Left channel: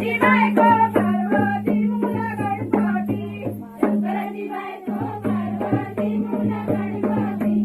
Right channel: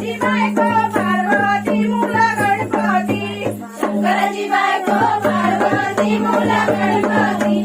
गणपती शंकराची बायको पार्वती मुला गणपती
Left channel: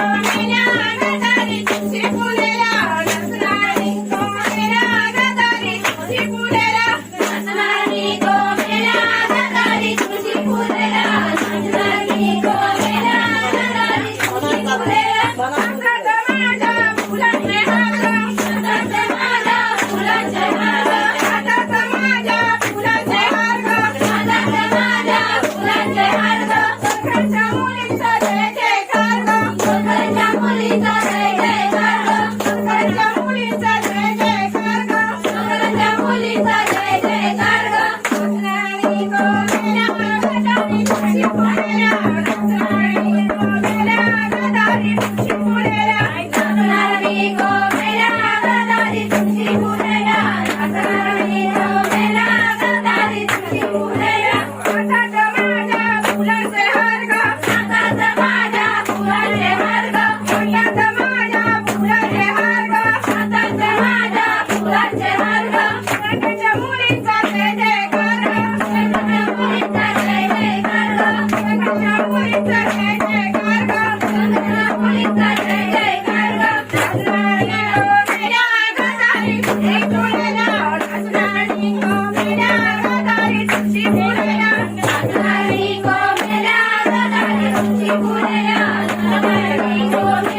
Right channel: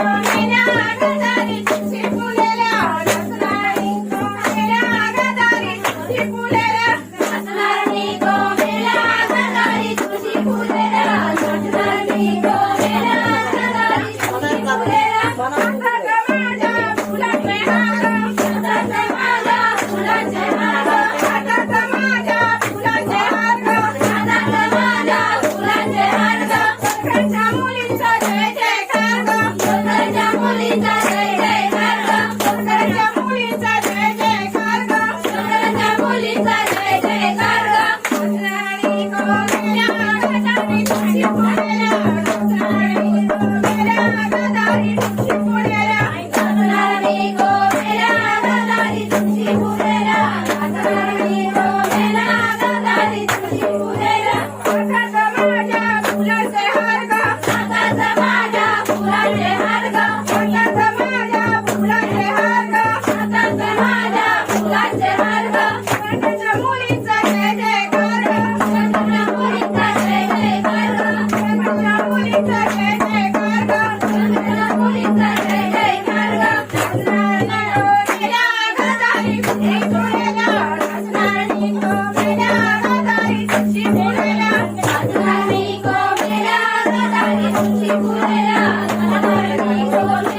Thank you.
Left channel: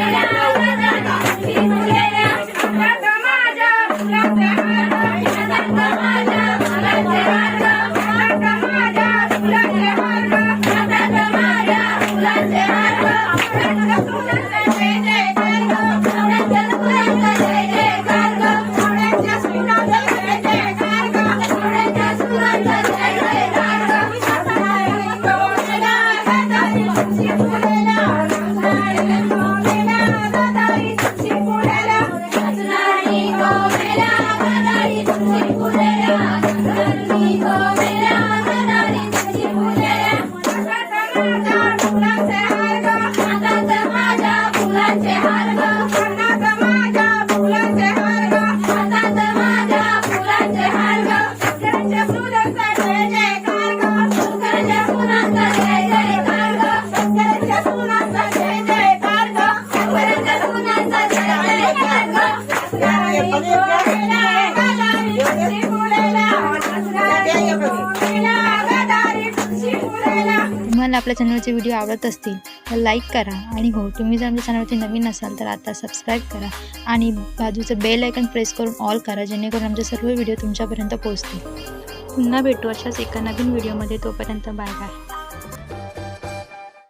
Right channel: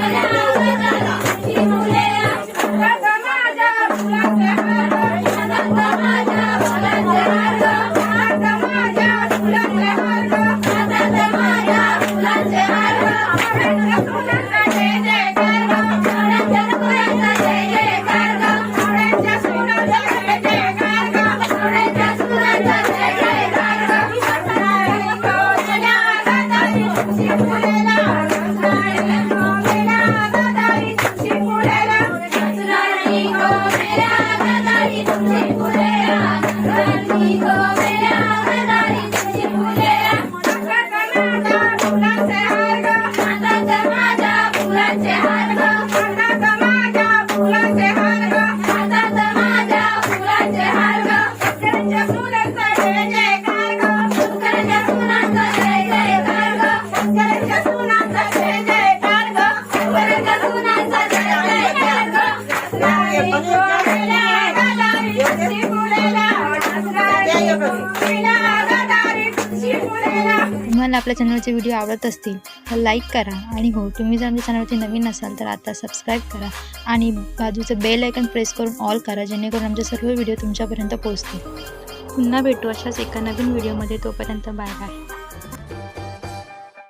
तुम्हाला आपल्या चॅनलचे व्हिडिओ आवडत असतील तर लाईक करा आणि हो तुम्ही जर आमच्या चॅनलवरती नवीन असाल तर आता सबस्क्राईब करा आणि बाजूचं बेल आयकन प्रेस करून ऑल करा जेणेकरून आमचे सर्व व्हिडिओ तुमच्यापर्यंत पोहोचतील पुन्हा भेटू अशाच एका नवीन व्हिडिओमध्ये तोपर्यंत बाय बाय